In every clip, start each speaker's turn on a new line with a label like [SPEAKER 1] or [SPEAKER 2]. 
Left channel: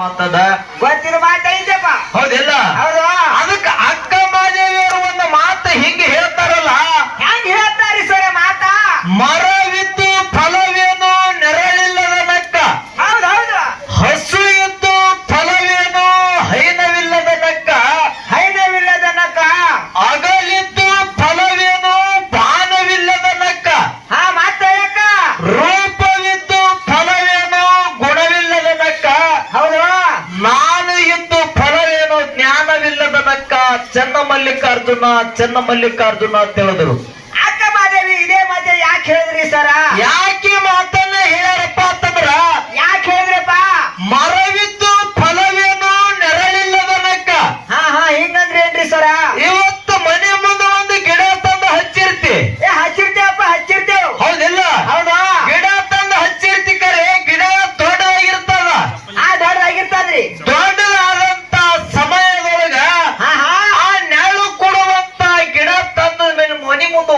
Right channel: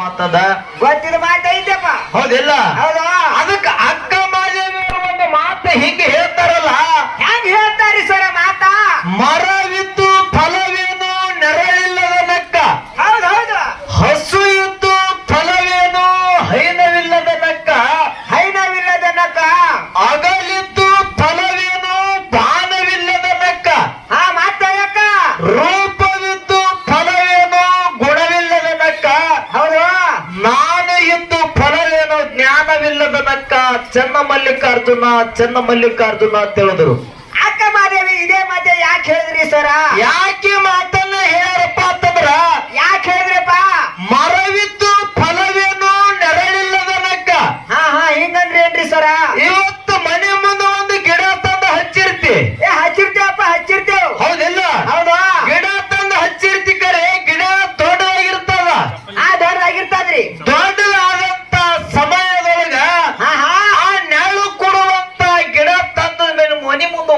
[SPEAKER 1] ಮಾತದ ಗೊತ್ತಿಲ್ಲ ಚೆನ್ನ ಮಲ್ಲಿಕಾರ್ಜುನ ಚೆನ್ನ ಮಲ್ಲಿಕಾರ್ಜುನ ಅಂತ ಹೇಳಿದ್ರು.
[SPEAKER 2] ಅಕ್ಕ ಮಾದೇವಿ ಇದೇ ಮಾತೆ ಯಾಕೆ ಹೇಳಿದ್ರಿ ಸರ?
[SPEAKER 1] ಯಾಕೆ ಮಾತನ್ನ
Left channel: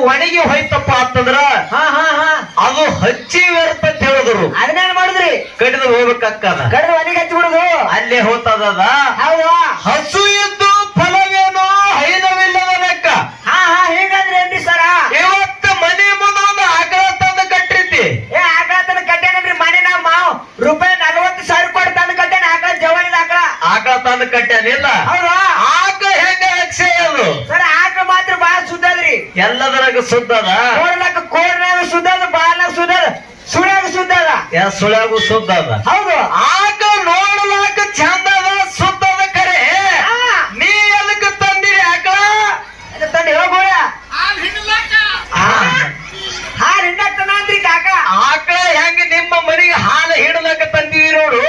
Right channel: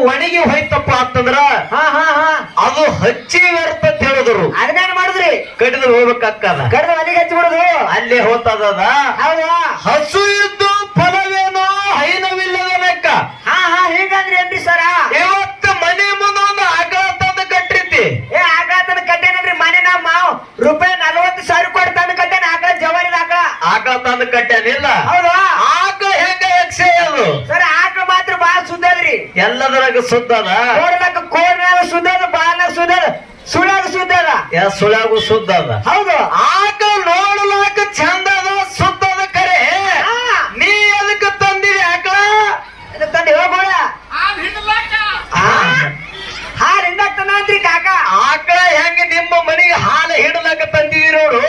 [SPEAKER 1] ಒಣಗಿ ಹೋಯ್ತಪ್ಪ ಅಂತಂದ್ರ
[SPEAKER 2] ಹಾ ಹಾ ಹಾ.
[SPEAKER 1] ಅದು ಹಚ್ಚಿ ವ್ಯರ್ಥ ಅಂತ ಹೇಳಿದ್ರು
[SPEAKER 2] ಅದನ್ನೇನ್ ಮಾಡಿದ್ರಿ?
[SPEAKER 1] ಕಡಿದ್ರು ಹೋಗ್ಬೇಕಕ್ಕದ
[SPEAKER 2] ಕಡ್ದು ಮನೆಗೆ ಹಚ್ಚಿಬಿಡುದು
[SPEAKER 1] ಅಲ್ಲೇ ಹೋಗ್ತದ
[SPEAKER 2] ಹೌದು.
[SPEAKER 1] ಎಲ್ಲದರಾಗ ಸುದ್ದದ
[SPEAKER 2] ಕೋಡ್ಲಕ್ಕ ಕೋಡ್ನಾಗ ಸುದ್ದದ ಬಾಲ ಸುದ್ದದ ಸುಳ್ಯಾಗ ಸುದ್ದದ
[SPEAKER 1] ಯಾ ಸುಳ್ಯಾಗು ಸುದ್ದದ
[SPEAKER 2] ಹೌದು.
[SPEAKER 1] ಆಗ ನೋಡ್ಲಾಕ ಚಂದದ ಸುದ್ದದ ಕರೆ.
[SPEAKER 2] ಹಾ.
[SPEAKER 1] ನೀ ಎದಕ್ಕೆ ತಂದಿರಿ ಆಕಳ?
[SPEAKER 2] ಅದು ತಂದು? ಹೋಗೋಣ ಹಾರ್ ಹಿಂಡಕ್ ತಂದ್ರಿ ಕಾಕ.
[SPEAKER 1] ಆಕಳ ಹೆಂಗ ನಿಮ್ಮ ಮನೆಗೆ ಹಾಲು ಹಿಡಲಕ್ಕ ತಂದಿರಿ ನೋಡು?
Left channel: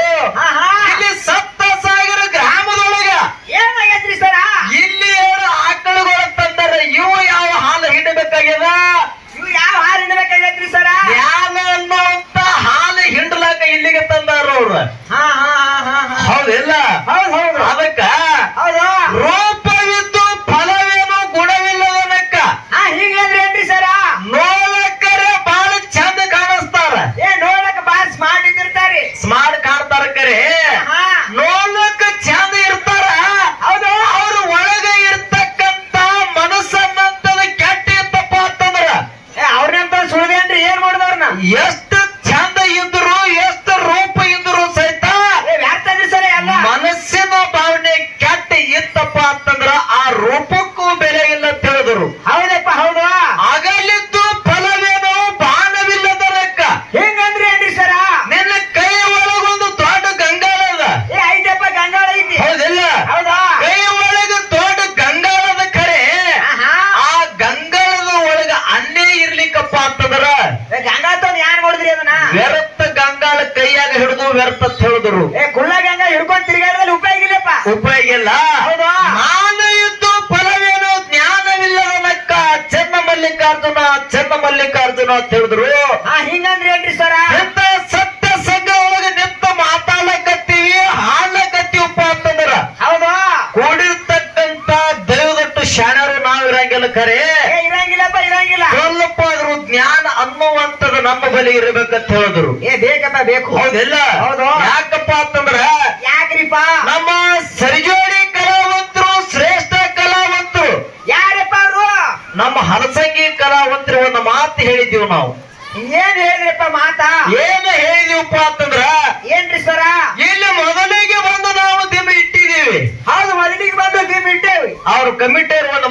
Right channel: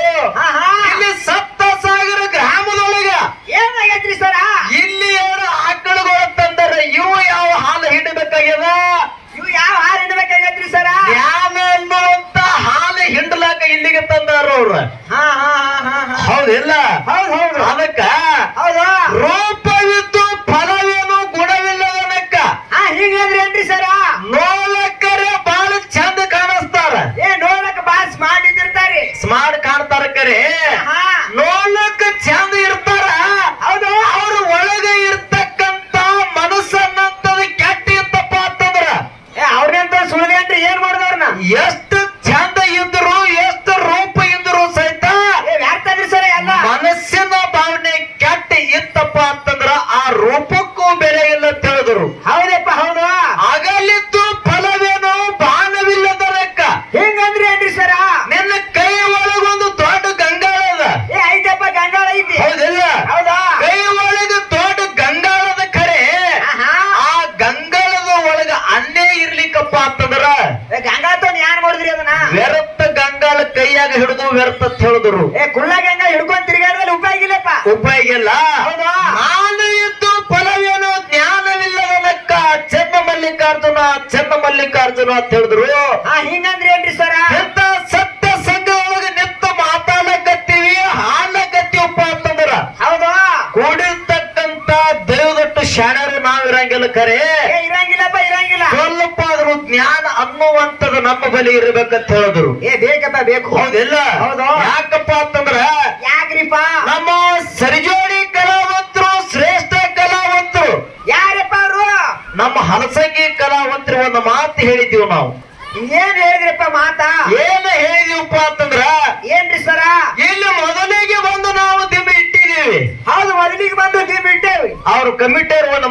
[SPEAKER 1] ಹಿಡಬೇಕಾಗ್ಯದ
[SPEAKER 2] ಇವು ಯಾವ ಹಾರ್ ಹಿಂಡ್ಬೇಕಾಗೈತ್ರಿ ಸರ?
[SPEAKER 1] ಜ್ಞಾನ ಅನ್ನುವಂತ ಹಾಲು ಹಿಂಡಲಾಕ ಇಲ್ಲಿಗೆ ತಂದಾರ ಅವ್ರು.
[SPEAKER 2] ಹಾ ಹಾ ಹಾ ಹಾ ಹಾ.
[SPEAKER 1] ಹೌದಿಲ್ಲ?
[SPEAKER 2] yes ಹೌದಾ?
[SPEAKER 1] ನಾನು ಇದ್ದು ಫಲವೇನು ಜ್ಞಾನವಿಲ್ಲದ ಲೆಕ್ಕ? ಚೆನ್ನ ಮಲ್ಲಿಕಾರ್ಜುನ ಚೆನ್ನ ಮಲ್ಲಿಕಾರ್ಜುನ ಅಂತ ಹೇಳಿದ್ರು.
[SPEAKER 2] ಹಿಂಗಂದ್ರೆ ಏನ್ರಿ ಸರ?
[SPEAKER 1] ಎಂತ ಸತ್ಯ ಸಂಘ ಒಳಗ ನಿಂತ ಮಾತಾಡಕತ್ತೀವಿ ಹಾಡಕತ್ತೀವಪ್ಪ ಅಂತಂದ್ರ.
[SPEAKER 2] ಹೌದಾ?
[SPEAKER 1] ಕೂಡಿರ್ತಕ್ಕಂತ ದೈವದಟ್ಟು ಶಾಣ್ಯರು ನಾವಿರಂಗಿಲ್ಲ ಖರೆ.
[SPEAKER 2] ಏ ಇರಂಗಿಲ್ಲಪ್ಪ ಇರಂಗಿಲ್ಲ.
[SPEAKER 1] ಸ್ವಲ್ಪ ಆದ್ರೂ ಜ್ಞಾನ ಅನ್ನುವಂಥದ್ದು ನಮ್ಮ ಬಳಿ ಇರಬೇಕಂತ ಹೇಳಿದ್ರು.
[SPEAKER 2] ಏ ಬೇಕಪ್ಪ ಬೇಕು.
[SPEAKER 1] ಹೌದಿಲ್ಲ?
[SPEAKER 2] ಹೌದು.
[SPEAKER 1] ಯಾಕಪ್ಪ ಅಂತಂದ್ರ
[SPEAKER 2] ಯಾಕ್ರಿಪ್ಪ?
[SPEAKER 1] ನಮ್ಮ ಸರಿಜೋಡಿ ಕಲಾವಂತರು ಶ್ರೇಷ್ಠ ಕಲಾವಂತರು
[SPEAKER 2] ಯಾರಪ್ಪ ಅವರು
[SPEAKER 1] ನಮ್ಮ ಹಲಸಂಗಿ ಕಲಾವಂತರು ಒಂದು ಮಾತು ಹೇಳಿದೀವಿ ನಾವು
[SPEAKER 2] ಏನ್ ಹೇಳಿದ್ರಪ್ಪ ಮಾತಾ
[SPEAKER 1] ಏನು ಹೇಳಿದೀವಪ್ಪ ಅಂತಂದ್ರ
[SPEAKER 2] ಏನ್ರಿ ಸರ
[SPEAKER 1] ಇಲ್ಲಿ ಮೊದಲಿಗೆ ಬಂದು ನಾವು ದಿಮ್ಮ ಇಟ್ಟಿದೀವಿ
[SPEAKER 2] ಹೌದು ಮೊದಲಿಗೆ ಬಂದು ದಿಮ್ ಇಟ್ಟೇವಿ
[SPEAKER 1] ಅವ್ರ ಕಮಿಟಿಯರ್ ಒಂದು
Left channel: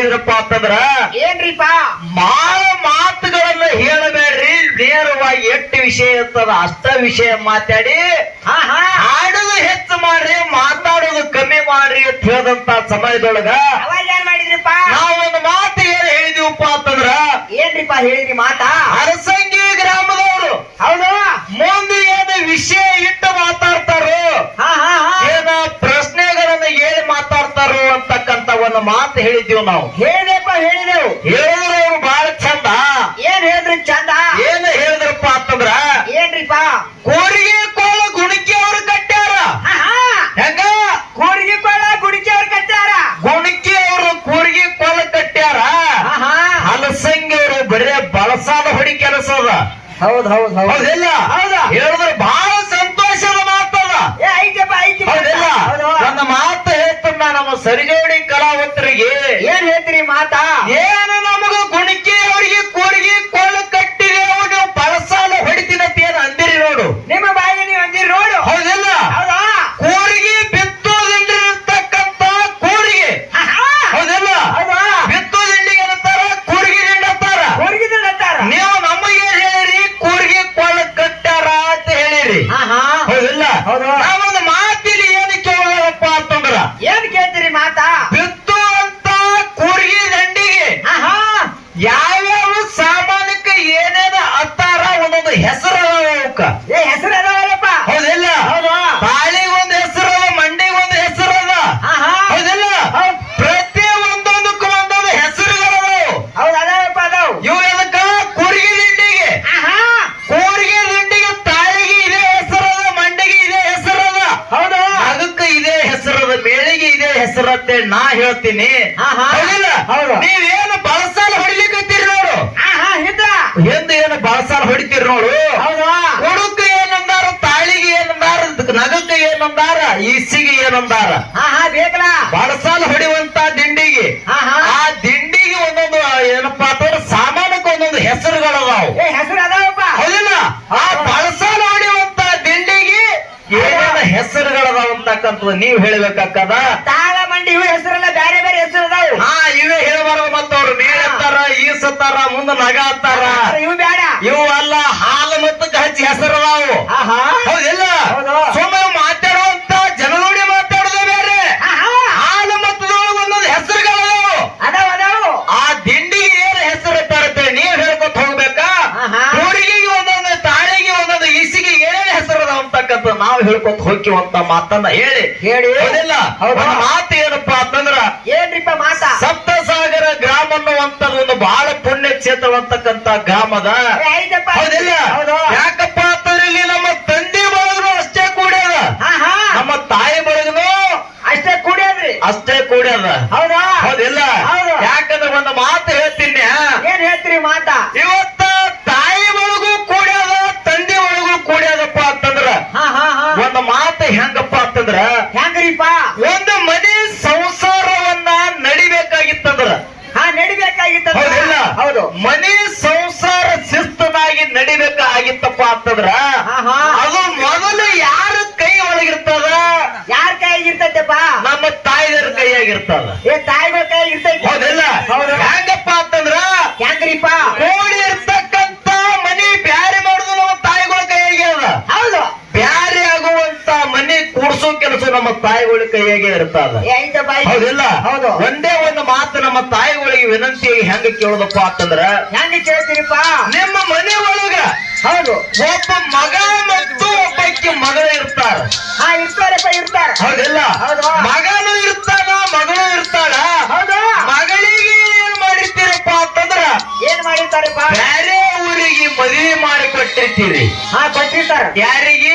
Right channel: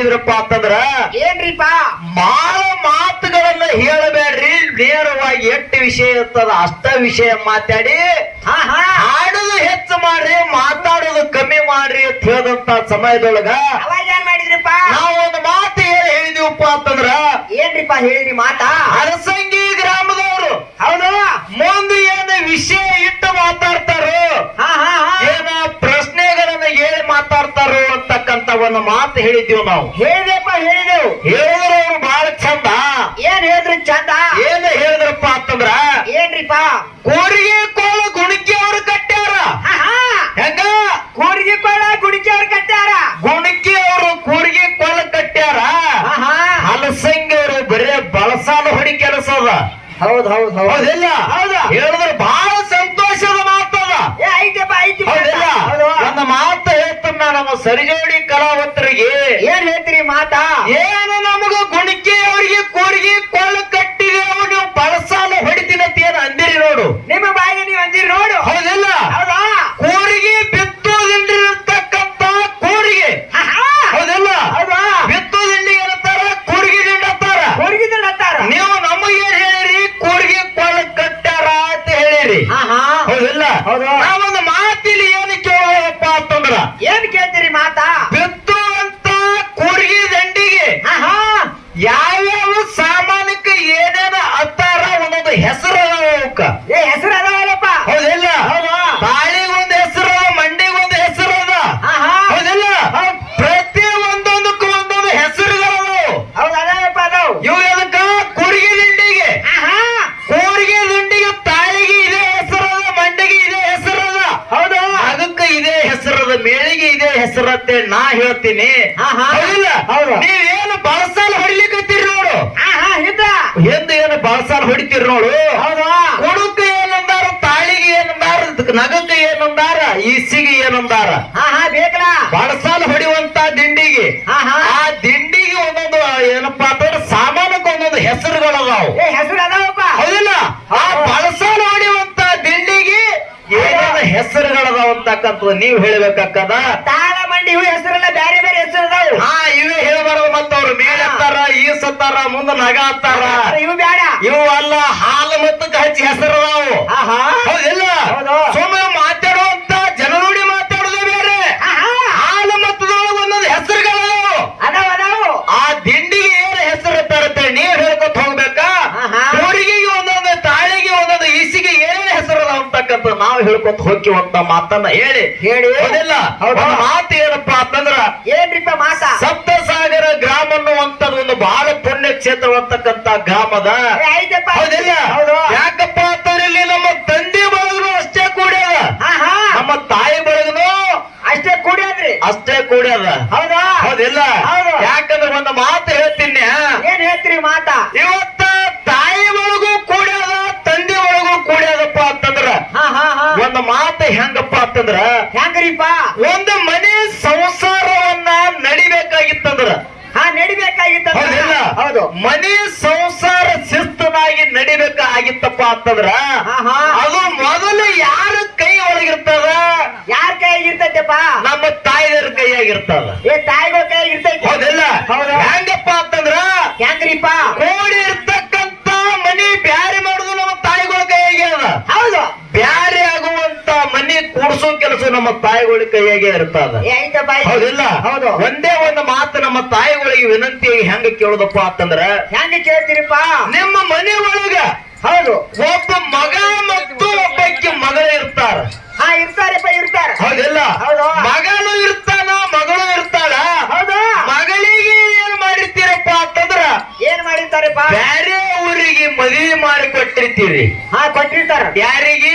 [SPEAKER 1] ಹೇಳಿದ್ರಪ್ಪ ಅಂತಂದ್ರ
[SPEAKER 2] ಏನ್ರಿಪ್ಪ?
[SPEAKER 1] ಬಹಳ ಮಾತುಗಳನ್ನ ಹೇಳಬೇಡ್ರಿ ನೇರವಾಗಿ ಎಷ್ಟು ವಿಷಯ ಇರ್ತದ ಅಷ್ಟ ವಿಷಯ ಮಾತಾಡಿ
[SPEAKER 2] ಹಾ ಹಾ.
[SPEAKER 1] ಹಾಡುದು ಹೆಚ್ಚು ಮಾಡ್ರಿ ಮಾತಾಡೋದು ಕಮ್ಮಿ ಮಾಡ್ರಿ ಅಂತ ಹೇಳಿದಂತ ಸಮಯದೊಳಗ
[SPEAKER 2] ಮಾಡಿದ್ರಿಪ್ಪ?
[SPEAKER 1] ನಾವು ಒಂದು ಮಾತು ಹೇಳಿದೀವಪ್ಪ ಅಂತಂದ್ರ
[SPEAKER 2] ಏನ್ರಿಪ್ಪ ಹೇಳಿರಿ ಮಾತಾ?
[SPEAKER 1] ಅರಸಂಗಿ ಗ್ರಾಮದವರು
[SPEAKER 2] ಹೌದು.
[SPEAKER 1] ಮುಂದೆ ಏನು ವಿಷಯ ಇಟ್ಟು ಮಾತಾಡ್ತಾರೋ
[SPEAKER 2] ಹಾ ಹಾ ಹಾ
[SPEAKER 1] ಏನ ಪ್ರಶ್ನೆಗಳನ್ನ ಹೇಳಿ ಮಾತಾಡ್ತಾರೋ ಅಂತಕ್ಕಂತ ಒಂದು ಮಾತು ಹೇಳಿದ್ದೀವಿ ನಾವು?
[SPEAKER 2] ಹೇಳಿದೆಪ್ಪ ಹೇಳಿದೆವು.
[SPEAKER 1] ಹೇಳಿದ್ರು ಅವ್ರು ಬಹಳ ಚಂದ.
[SPEAKER 2] ಏನ್ ಹೇಳಿದ್ರಿ ಚಂದ?
[SPEAKER 1] ಏನ್ ಹೇಳಿದ್ರಪ್ಪ ಅಂತಂದ್ರ
[SPEAKER 2] ಏನ್ರಿಪ್ಪ?
[SPEAKER 1] ಕೂರಿಗೆ ಕೋಲು ಗುಣಕಿ ಅವರು ಕಟ್ಟ್ಯಾರ.
[SPEAKER 2] ಹಾ ಹಾ.
[SPEAKER 1] ಹೆಂಗ?
[SPEAKER 2] ಕೂಡಿಗೆ ಕೋಲ ಗುಡಿಕೆ ಅವ್ರು ಕಟ್ಟಾರ
[SPEAKER 1] ಗುಣಕಿ ಅವರು ಕೂರಿಗೆ ಕೋಲ ಕಟ್ಟ್ಯಾರ.
[SPEAKER 2] ಹಾ ಹಾ.
[SPEAKER 1] ಹಲಸಂಗಿ ಅವರು ಬರೇ ಬಳಸಾದ ಹೊಡಿ ಕೆಲಸ ಅದ
[SPEAKER 2] ಹೌದ್ ಹೌದ್ ಹೌದ್.
[SPEAKER 1] ಹೌದಿಲ್ಲ?
[SPEAKER 2] ಹೌದ?
[SPEAKER 1] ಹೇಳಿದ್ರೆ ಬಹಳ ಸಂತೋಷದ ಮಾತದ
[SPEAKER 2] ಏ
[SPEAKER 1] ಐತೆಪ್ಪ ಐತೆ
[SPEAKER 2] ನಮ್ಮ
[SPEAKER 1] ಕಲಾವಂತರಿಗೆ ನಾ ಹೇಳ್ತೀನಿ.
[SPEAKER 2] ಹೌದು.
[SPEAKER 1] ನೀವೇನು ಬಳಸಾಲ ಹೊಡಿಲಿಕ್ಕತ್ತೀರಿ ನೋಡು. ಎಂದು ಏನು ಬಳಸಾಲ ಹೊಡಿತೀರಿ ನೋಡು. ಹುಡುಕ ಏನಂದಾರ ತಾಳಿಗೆ ಏನಂದಾರ ನಗಕ್ಕೆ ಏನಂದಾರ ಈಸಿಗೆ ಏನಂದಾರ. ಬಳಸಾಲ ಹೊಡಿಯುವಂತ ದಿಂಡಿಗೆ. ಆ ದಿಂಡಿಗೆ ಒಂದೊಂದು ಏನಪ್ಪಾ ಅಂತಂದ್ರೆ ಸಾಮಾನಕ್ಕೆ ಒಂದೊಂದು ಹೆಸರುಗಳದಾವು
[SPEAKER 2] ಹೆಸರು ಅದಾವಪ್ಪ.
[SPEAKER 1] ಹೌದಿಲ್ಲ ಆ ಬಳಸಾಲ ಹೊಡಿಯುವಂತ ದಿಂಡಿಗೆ ಏನೇನು ಹೆಸರುಗಳದಾವ ಅಂತಕ್ಕಂಥ ನೀವ್ ಹೇಳ್ಬೇಕಾಕದ
[SPEAKER 2] ತಾಳ ಮಂಡಿ ಇವು ಹೆಸರೆಲ್ಲ ಬೇರೆ ಬೇರೆ ಹೆಸರು ಅದಾವು
[SPEAKER 1] ಹಾ ಇವೇ ಹೇಳ್ಬಾರ್ದು ಮತ್ತವ್ರು ಮೇಲತ್ತಾರ ಈಸತ್ತಾರ ಮುಂದ ನಗ ಅಂತಾರ
[SPEAKER 2] ಇವು ಬೇಡ
[SPEAKER 1] ಇವು ಅಲ್ಲ ಹಾಲು ಮತ್ತು ಗಜ್ಜಿ ಹೆಸರು
[SPEAKER 2] ನಾವು
[SPEAKER 1] ಹೌದಿಲ್ಲ?
[SPEAKER 2] ಹೌದು.
[SPEAKER 1] ಸುಮ್ಮನೆ ಮಾತಾಡುವಂತ ಜನನುಡಿ ಮಾತಾಡೋದೇ ಬೇರೆ. ಹಾಲು ಮತ್ತು ಒಂದೊಂದು ಹೆಸರುಗಳು
[SPEAKER 2] ಅದಾವ ಅದಾವು.
[SPEAKER 1] ಆ ದಿಂಡಿಗೆ ಏನ್ ಹೆಸರು ತರುತ್ತೆ ನೀವ್ ಹೇಳ್ಕೊತ ಹೋಗ್ಬೇಕಾ?
[SPEAKER 2] ಆಹಾ.
[SPEAKER 1] ಒಂದೊಂದು ತಾಳಿಗೆ ಒಂದೊಂದು ಇಸಿಗೆ ಏನ್ ಹೆಸರು ಅಂತಕ್ಕಂಥ ನಾವು ಹೇಳ್ಕೊತ ಹೋಗ್ತೀವಂತ ಮಾತನ್ನ ಹೇಳಿ.
[SPEAKER 2] ಹೇಳಿ.
[SPEAKER 1] ಹೌದಿಲ್ಲ? ಮಾತು ಏನಪ್ಪಾ ಅಂತಂದ್ರ
[SPEAKER 2] ಏನ್ರಿಪ್ಪ ಮಾತ
[SPEAKER 1] ಸಪ್ತಸಾಗರ ಗ್ರಾಮ ಅನ್ನುವಂಥದ್ದು ಒಂದು ಬಹಳ ಕ್ಷೇತ್ರವಂತಕ್ಕಂತ ಗ್ರಾಮದ ಯಾಕಪ್ಪ ಇಲ್ಲಿ ನಮ್ಮ ತಂದೆ ಬಳಗನು ಅಷ್ಟೇ ಕೂಡ್ಯದ ನಮ್ಮ ತಾಯಿ ಬಳಗನು
[SPEAKER 2] ಅಷ್ಟೇ ಕುಡಿಯೋದ್ರಿ.
[SPEAKER 1] ಅಷ್ಟೇ ಕೂಡ್ಯದ
[SPEAKER 2] ಹೌದಾ?
[SPEAKER 1] ಹೌದಿಲ್ಲ?
[SPEAKER 2] ಹೌದು.
[SPEAKER 1] ಯಾಕಂದ್ರೆ ಒಂದು ಮಾತು ಹೇಳ್ತೀನಿ.
[SPEAKER 2] ಏನ್ ಹೇಳ್ತೀರಿ ಮಾತಾ?
[SPEAKER 1] ಇವತ್ತ ತಾಯಿ ಒಳಗೂ ಕೂಡ್ಯದ ತಂದೆ ಒಳಗೂ ಕೂಡ್ಯದಪ್ಪ ಅಂತಂದ್ರ
[SPEAKER 2] ಹಾ ಹಾ ಹಾ
[SPEAKER 1] ಒಂದು ಮಾತು ಹೆಂಗಪ್ಪ ಅಂತಂದ್ರ
[SPEAKER 2] ಹೆಂಗ್ರಿಪ್ಪ
[SPEAKER 1] ಒಂದು ಮನೆ ಸಂಸಾರವನ್ನ ನಡಿಬೇಕಾಗಿತ್ತಂದ್ರ
[SPEAKER 2] ಹಾ ನಡಿಬೇಕಾಗಿತ್ತ
[SPEAKER 1] ಹೌದಿಲ್ಲ
[SPEAKER 2] ಹೌದು
[SPEAKER 1] ಮನೆ ಸಂಸಾರ ಶಿಸ್ತನಾಗಿ ನಡಿಬೇಕಾಗಿತ್ತಪ್ಪ ಅಂತಂದ್ರ ಅದು ಮೊದಲು ಯಾರ ಕೈ ಒಳಗಿರ್ತದ
[SPEAKER 2] ಯಾರ ಕೈಯಾಗಿರ್ತೈತಪ್ಪ
[SPEAKER 1] ನಮ್ಮ ತಾಯಿದರ ಕೈಯಾಗಿರ್ತದ
[SPEAKER 2] ಏ ತಾಯಿಗಳ ಕೈಯಾಗ ಇರ್ತೈತಿ
[SPEAKER 1] ಹೌದಿಲ್ಲ?
[SPEAKER 2] ಹೌದು.
[SPEAKER 1] ಹೆಂಗಪ್ಪ ಅಂತಂದ್ರ
[SPEAKER 2] ಹೆಂಗ್ರಿಪ್ಪ?
[SPEAKER 1] ಕೋಡಿ ಇರ್ತಕ್ಕಂತ ಮನಿ ಬ್ಯಾರೆ ಮಾಡುದು ನಮ್ಮ ತಾಯಿಗಳ ಕೈಯಾಗ್ಯದ
[SPEAKER 2] ಹೌದು.
[SPEAKER 1] ಬ್ಯಾರೆ ಆಗುವಂತ ಮನಿ ಕೂಡ್ಸೋ ಕೆಲಸ ನಮ್ಮ ತಾಯಿಗಳ ಕೈಯಾಗೆ ಇರ್ತದ. ಹೌದಿಲ್ಲ?
[SPEAKER 2] ಹೌದು.
[SPEAKER 1] ಒಂದೇ ಒಂದು ಮಾತು ನಮ್ಮ ತಾಯಿಗಳಿಗೆ ವಿನಂತಿ ಹೆಂಗ ಕೇಳೋದಪ್ಪ ಅಂತಂದ್ರ
[SPEAKER 2] ಹೆಂಗ ಕೇಳ್ತೀರಿಪ್ಪ?
[SPEAKER 1] ನಿಮ್ಮ ಮನೆ ಒಳಗ
[SPEAKER 2] ಹೌದು.
[SPEAKER 1] ಒಬ್ಬ ಮಗ ಮತ್ತು ಒಬ್ಬಕ್ಕೆ ಮಗಳ ಇರ್ತಾರ.
[SPEAKER 2] ಹಾ ಇರ್ತಾರಪ್ಪ ಇರ್ತಾರ.
[SPEAKER 1] ಹೌದಿಲ್ಲ?
[SPEAKER 2] ಹೌದು.
[SPEAKER 1] ಮಗನು ಇರ್ತಾನ? ಮಗಳು ಇರ್ತಾಳ
[SPEAKER 2] ಹೌದು.
[SPEAKER 1] ಮಗಳಿಗೆ ಏನ್ ಮಾಡಿರ್ತೀರಪ್ಪ ಅಂತಂದ್ರ?
[SPEAKER 2] ಏನ್ ಮಾಡಿರ್ತಾರಪ್ಪ?
[SPEAKER 1] ಬೇರೆ ಊರಿಗೆ ಮದುವೆ ಮಾಡಿ ಕೊಟ್ಟಿರ್ತೀರಿ
[SPEAKER 2] ಹಾ ಕೊಟ್ಟಿರ್ತಾರ.
[SPEAKER 1] ಯಾರಿಗೆ?